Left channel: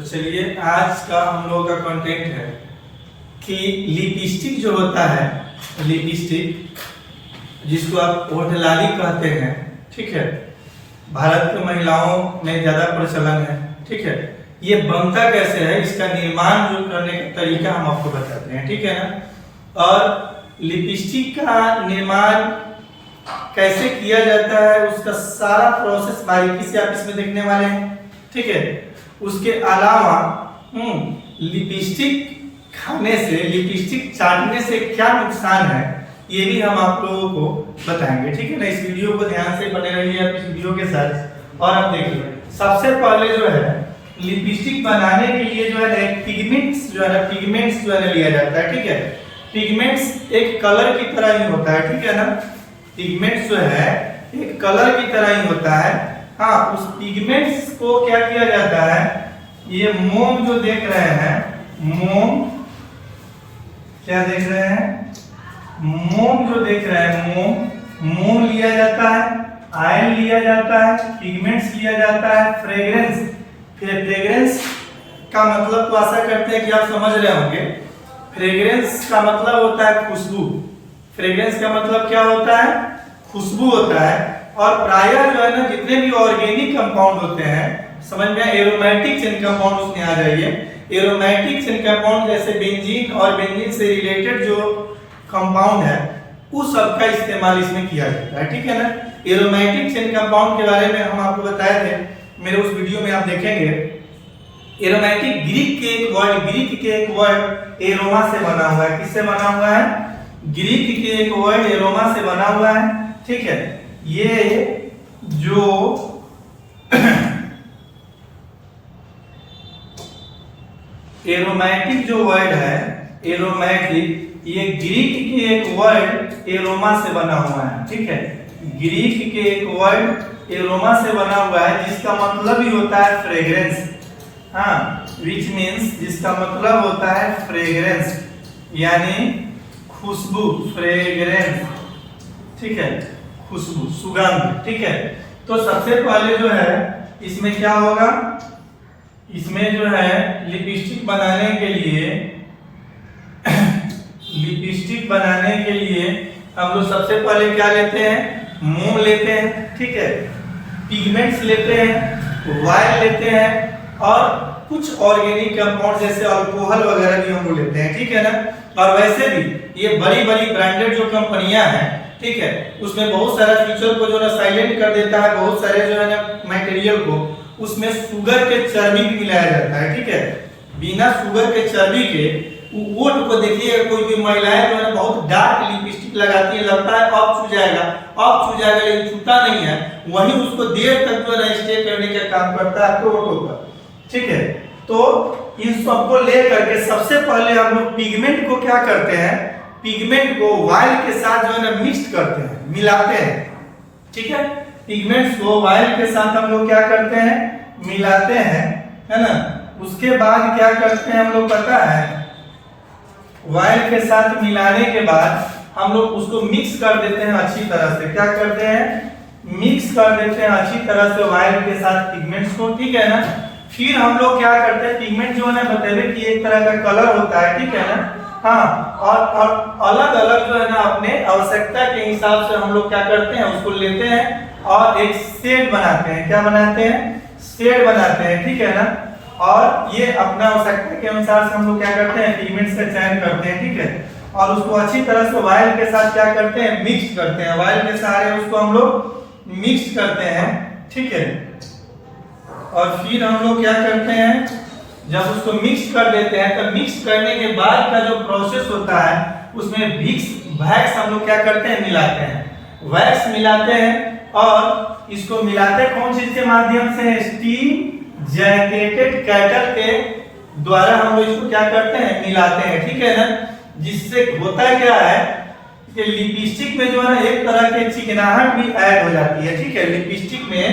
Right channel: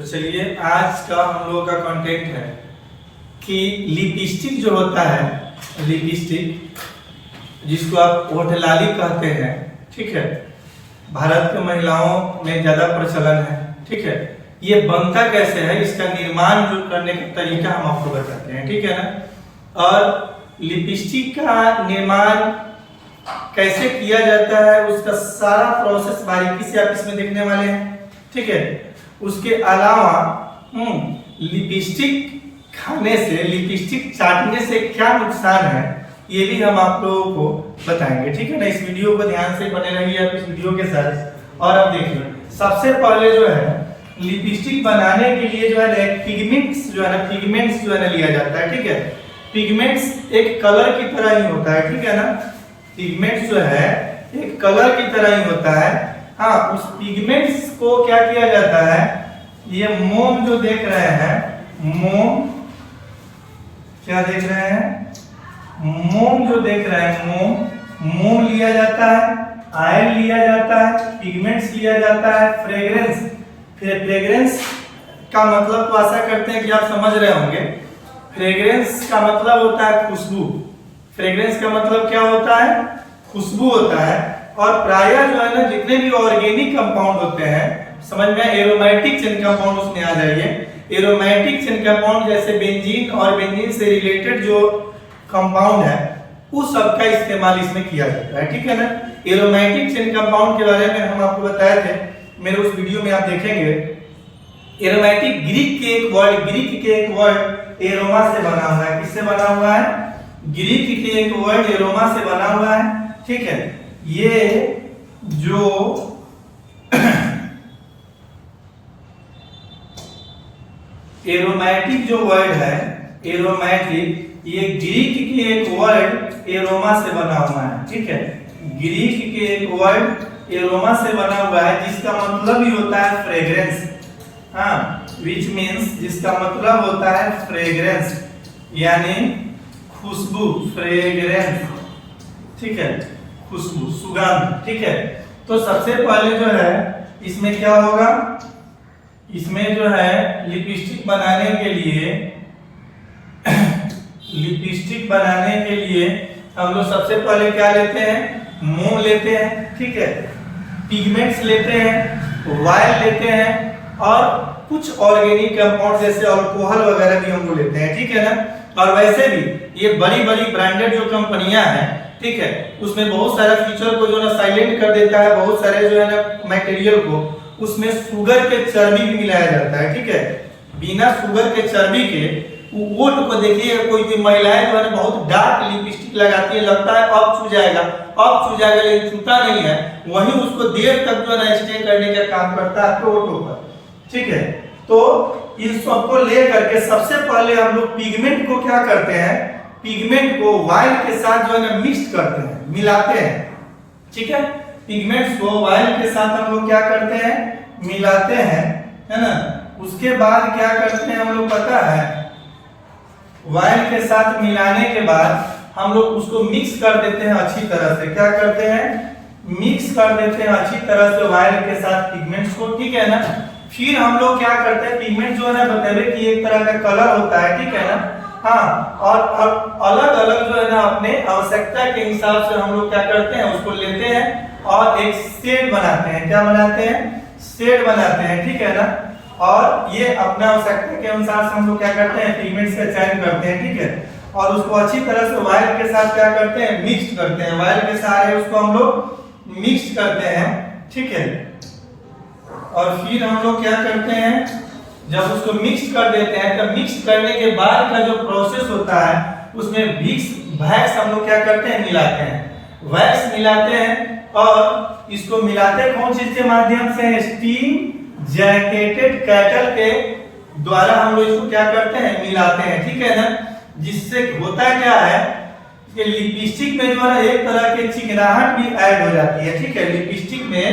तो चलिए आज का हम लोगों का कंटेंट है कि लिपस्टिक जो होता है, लिपस्टिक जिसको आप होठलाली कहते हैं, ठीक है, भारत के महिलाओं में ज्यादा प्रचलन है, ठीक है। ये बनता कैसे है, इसका निर्माण जो करने का तरीका हम आपको बताते हैं, ठीक है ना। और लिपस्टिक का निर्माण कैसे किया जाता है उसका सारा प्रोसेस बारीकी से आप इसमें देखने वाले हैं, ठीक है। उसके अलावा लिपस्टिक खाने से, लिपस्टिक चाटने से क्या नुकसान है ये भी हम आप लोगों को बताएंगे, ठीक है ना। इस वीडियो को ध्यान से बने रहिए आप इस वीडियो के साथ। और अब देखिए, सबसे पहले जो है लिपस्टिक बनाने के लिए जो है पिगमेंट्स जो है ना लिया जाता है, ठीक है। पिगमेंट्स एक कलर की तरह ही होता है, ठीक है ना। पिगमेंट्स जो है एक कलर की तरह ही होता है। हाँ, उस पिगमेंट्स को क्या किया जाता है, ये मोम जो देख रहे हैं, मोम क्या देख रहे हैं, मोम जो देख रहे हैं, मोम लिया जाता है, ऑयल लिया जाता है, पिगमेंट्स लिया जाता है, फ्रेग्रेंस। फिर फ्रेग्रेंस का मतलब तो आशा करते हैं कि आप समझ रहे होंगे। फ्रेग्रेंस का मतलब होता है खुशबू। फ्रेग्रेंस का मतलब क्या होता है, खुशबू होता है। और प्रायः जो है ना जितने भी ऑर्गेनिक कंपाउंड होते हैं, समझ में, एरोमेटिक चेन कंपाउंड उसमें आ जाइए। एरोमेटिक चेन कंपाउंड जैसे बेंजीन और बेंजीन से रिलेटेड जो कंपाउंड है उस सब का इस्तेमाल इसमें किया जाता है, ठीक है ना। एरोमेटिक चेन कंपाउंड के बारे में हम आपको बताए थे मेरे उस वीडियो में, आप देखेंगे। एरोमेटिक ग्रीक के एक वर्ड एरोमा से बना हुआ है। किससे बना हुआ है, ग्रीक के एक वर्ड एरोमा से बना हुआ है, ठीक है। ये जो एरोमेटिक जो वर्ड है, एरोमेटिक, ये ग्रीक के एक वर्ड एरोमा से बना हुआ है, ठीक है। ग्रीक के एक वर्ड एरोमा से बना हुआ है जिसका मतलब ही होता है फ्रेग्रेंस। हाँ, विच मीन्स जिसका मतलब होता है फ्रेग्रेंस, यानी खुशबू, फ्रेग्रेंस, ठीक है, खुशबू, सुगंध, ठीक है। तो सबसे पहले जो है इसमें क्या होगा, इसमें जो है लिपस्टिक बनाने के लिए हम लोग सबसे पहले क्या लेते हैं, मोम लेते हैं, ठीक है, पिगमेंट्स लेते हैं, ऑयल लेते हैं और कुछ ऑर्गेनिक कंपाउंड जैसे अल्कोहल वगैरह भी हम लोग लेते हैं, ठीक है ना। और वैसे भी ये बड़ी बड़ी ब्रांडेड जो कंपनियां हैं, ठीक है, उसमें बहुत सारे फीचर को जो है ना साइलेंट कर देता है, बहुत सारे जो है ना मटेरियल को उसमें शुगर के चर्बी भी मिलाया जाता है, ठीक है। बिना शुगर के चर्बी के वो को देखिए, कोई भी महिलाएं जो है ना बहुत डार्क लिपस्टिक लगाती है, लगता है अब छू जाएगा, लेकिन छूता नहीं है, वहीं उसको देर तक जो है ना स्टे करने का काम करता है आपके होठों पर, ठीक है। तो इन सबको ले करके सबसे पहले हम लोग पिगमेंट को क्या करते हैं, पिगमेंट को ऑयल के साथ जो है ना मिक्स करते हैं, मिलाते हैं, ठीक है। पिगमेंट्स को ऑयल के साथ हम लोग क्या करते हैं, मिलाते हैं, है ना। उसके बाद क्या करते हैं हम लोग पता है, ऑयल के साथ मिलाने के बाद हम लोग उसको मिक्स कर देते हैं अच्छी तरह से। क्या करते हैं, मिक्स कर देते हैं अच्छी तरह से ऑयल के साथ पिगमेंट्स को, ठीक है ना। फिर हम लोग क्या करते हैं, पिगमेंट जो है ना बतेले कि एक तरह का कलर होता है, ठीक है ना। हाँ, और अलग अलग जो है ना अपने आवश्यकता के हिसाब से हम लोग क्या करते हैं, उसको लेते हैं और एक शेड बनाते हैं। क्या बनाते हैं, शेड बनाते हैं, ठीक है ना। और ये अपना आवश्यकता के अनुसार से हम लोग क्या करते हैं, पिगमेंट्स का चयन करते हैं, ठीक है। और उसको अच्छी तरह से ऑयल के साथ क्या करते हैं, मिक्स करते हैं। ऑयल के सहारे उसको हम लोग मिक्स करते हैं, ठीक है। और फिर हम लोग क्या करते हैं, जब उसको मिक्स कर देते हैं तो मिक्स करने के बाद का जो प्रोसेस होता है उसमें वैक्स हम लोग क्या करते हैं, मिलाते हैं, वैक्स मिलाते हैं। और इसको मिलाते कौन चीज के माध्यम से, स्टीम जैकेटेड कैटल के द्वारा हम लोग इसको क्या करते हैं, मिलाते हैं, ठीक है ना। जिससे होता है क्या है कि लिपस्टिक में जो है ना एक तरह के चिकनाहट भी ऐड हो जाती है, ठीक है। लिपस्टिक में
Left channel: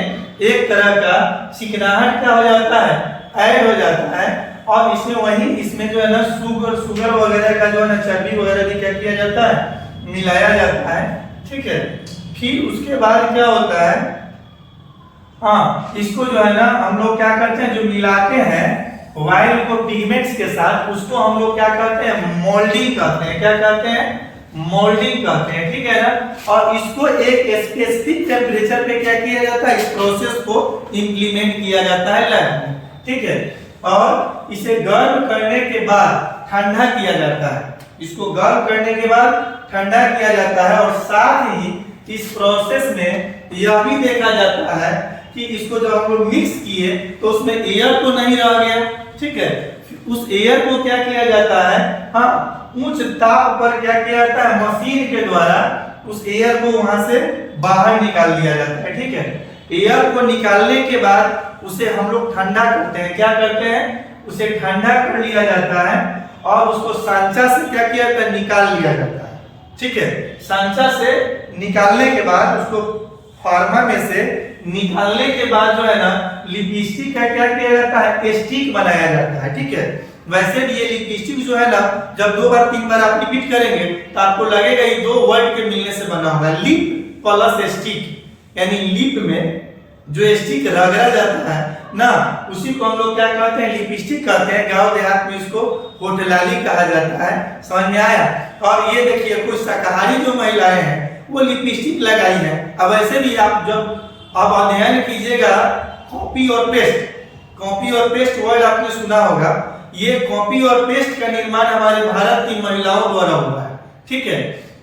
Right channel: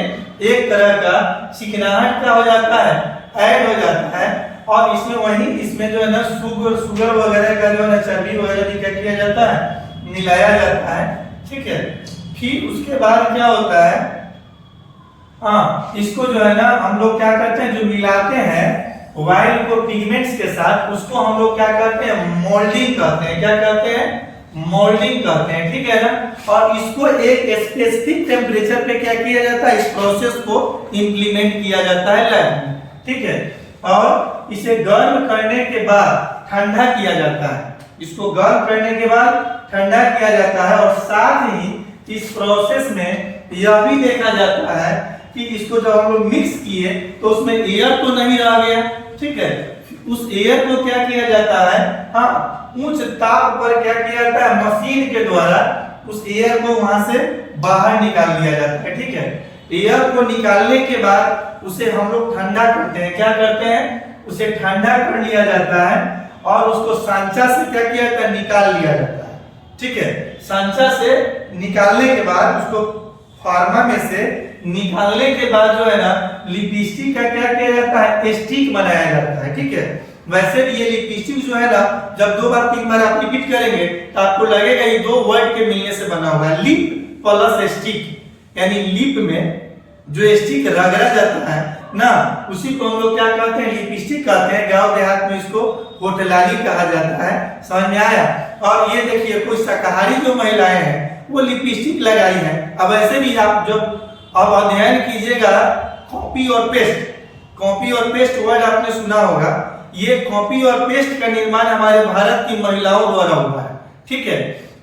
एक तरह का चिकनाहट क्या हो जाता है, ऐड हो जाता है। और इसमें जो है ना शुगर वगैरह का जो है ना चर्बी वगैरह भी क्या किया जाता है, मिलाया जाता है, ठीक है। फिर उसके बाद क्या होता है, हाँ, इसको जो है ना हम लोग क्या करते हैं, जो मिलाते हैं वाइल को पिगमेंट्स के साथ, उसको हम लोग क्या कहते हैं, मोल्डिंग कहते हैं। क्या कहते हैं, मोल्डिंग कहते हैं, ठीक है ना। और इसको एक स्पेसिफिक टेम्परेचर पे क्या किया जाता है, इस प्रोसेस को इंप्लीमेंट किया जाता है लैब में, ठीक है। और इसे गर्म करने के बाद ठंडा किया जाता है, इसको गर्म करने के बाद ठंडा किया जाता है। और साथ ही इस प्रोसेस में यह भी देखा जाता है कि इसको जब हम लोग मिक्स किए तो उसमें एयर तो नहीं रह गया, ठीक है। उस एयर को क्या किया जाता है, हाँ, उच्च ताप पर क्या किया जाता है, मशीन के द्वारा उस एयर को वहां से बाहर निकाल लिया जाता है, ठीक है। एयर को निकालने के बाद उसे हम लोग ठंडा करते हैं। क्या करते हैं, उसे ठंडा कर लिया जाता है और उसको सांचा से क्या किया जाता है, निकाल लिया जाता है, ठीक है। सांचा से निकालने के बाद उसको फार्मा में से निकालने के बाद जो है ना, लिपस्टिक का क्या किया जाता है, स्टिक बनाया जाता है, ठीक है। वैसे भी ये लिपस्टिक जो है ना, जब 2 बार 3 बार आप रिपीट करेंगे तो आपको लगेगा ये 2 वर्ड के मिलने से बना हुआ है, लिप प्लस स्टिक, यानी लिप में जो स्टिक रगड़ा जाता है ना, उसी को हम लोग क्या कहते हैं, लिपस्टिक कहते हैं। गांव देहात में इसको होटलाली कहा जाता है, समझ में आया। और ये देखिए, कुछ शाकाहारी जो महिलाएं हैं वो लिपस्टिक लगाई है। अब ऐसे भी आप जब आप अध्ययन कीजिएगा, कॉपी और पेस्ट वर्ड आपने सुना होगा। ये कॉपी और पेस्ट का निर्माण हमारे भारत की महिलाओं द्वारा हुआ है, ठीक है।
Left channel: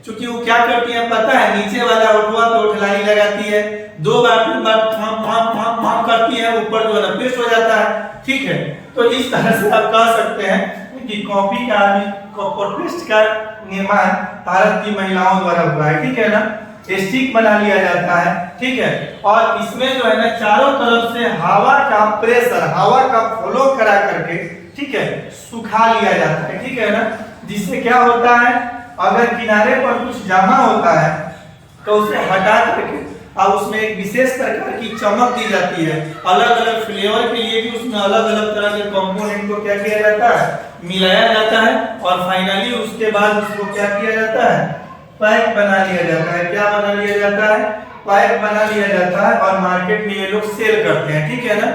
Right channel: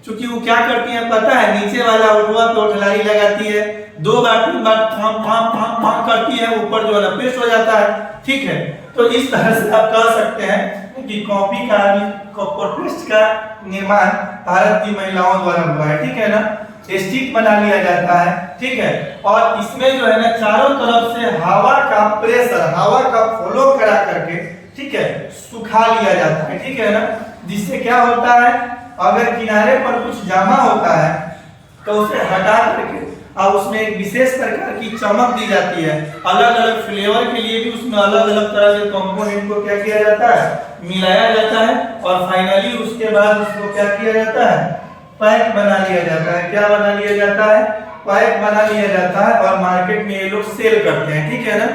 क्योंकि वो क्या करती है पता है, नीचे वाला ओठवा पे ओठलाली लगाती है, 2 बार 3 बार फाम करती है, ऊपर जो है ना पेस्ट हो जाता है, ठीक है। तो इस तरह से आप कह सकते हैं कि कॉपी का और पेस्ट का निर्माण भारत की महिलाओं द्वारा हुआ है, ठीक है ना। स्टिक बना लिया जाता है, ठीक है। और इसमें जो है ना, चारों तरफ से हवा का प्रेशर, हवा का फ्लो करा करके, ठीक है, सुखा लिया जाता है, ठीक है ना। जिससे क्या होता है, अगर किनारे पर कुछ जमा होता है तो उसे हटा करके और उसमें एक विशेष प्रकार की चमक दी जाती है। अलग अलग फ्लेवर के लिए भी उसमें अलग अलग तरह के कंपोनेंट को क्या किया जाता है, मिलाया जाता है। और फाइनली उसके बाद उसको क्या किया जाता है, पैक बना लिया जाता है। क्या बना लिया जाता है, पैक बना लिया जाता है। और मार्केट में ये लोग सेल करते हैं, ठीक है ना,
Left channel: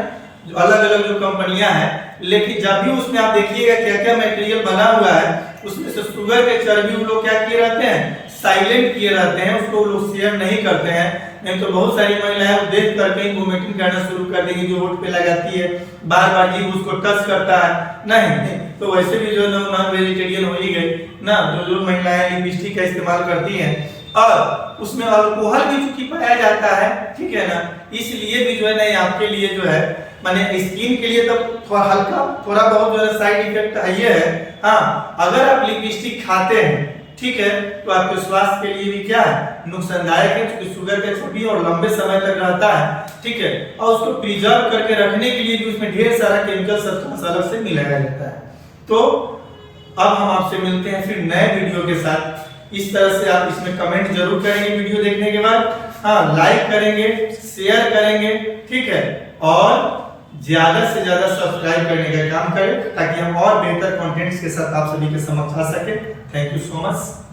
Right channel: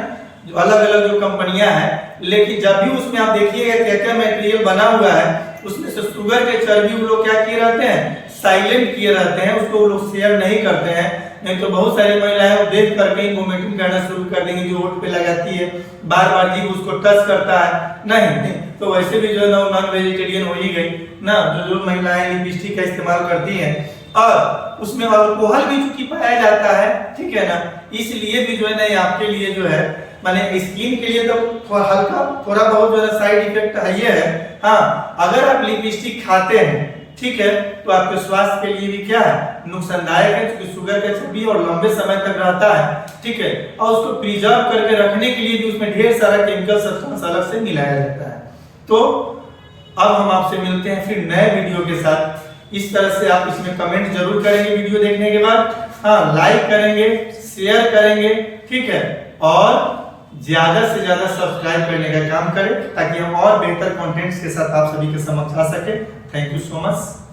जो अलग अलग जो कंपनियां हैं। लेकिन जब भी उसमें आप देखिएगा क्या क्या मटेरियल बना हुआ है, उसमें से शुगर के चर्बी वो लोग क्या किए रहते हैं, साइलेंट किए रहते हैं, उसको वो लोग शेयर नहीं करते हैं। नहीं तो बहुत सारी महिलाएं देख करके ही वोमिटिंग करना शुरू कर देंगी, जो होठ पे लगाती है, बार बार जीभ उसको टच करता है, नहीं तो वैसे भी जो नॉन वेजिटेरियन हो ही गई ना। जो महिलाएं लिपस्टिक का इस्तेमाल करती हैं और उसमें अल्कोहल भी चूंकि पाया जाता है, ठीक है ना, इसलिए भी जो है ना आपके लिए जो है माने स्किन के लिए तो थोड़ा हल्का थोड़ा बहुत जो है साइड इफेक्ट ये है। हाँ, अगर आप लिपस्टिक खाते हैं, ठीक है, तो आपके स्वास्थ्य के लिए भी क्या है, नुकसानदायक है, क्योंकि शुगर का चर्बी और लंबे समय तक रहता है, ठीक है। और उसको प्रिजर्व करके रखने के लिए भी उसमें ढेर सारा केमिकल सब्सटेंस अलग से मिलाया जाता है। तो अब हम आपसे मिलते हैं फिर नए वीडियो के साथ। इस तरह से आप इसमें कमेंट जरूर करेंगे वीडियो देखने के बाद, हाँ, लाइक करेंगे, शेयर करेंगे, ठीक है, और ज्यादा से ज्यादा सब्सक्राइब करने का काम करें ताकि हम और बेहतर कंटेंट्स के साथ आप सभी के समक्ष आ सके। Thank you so much.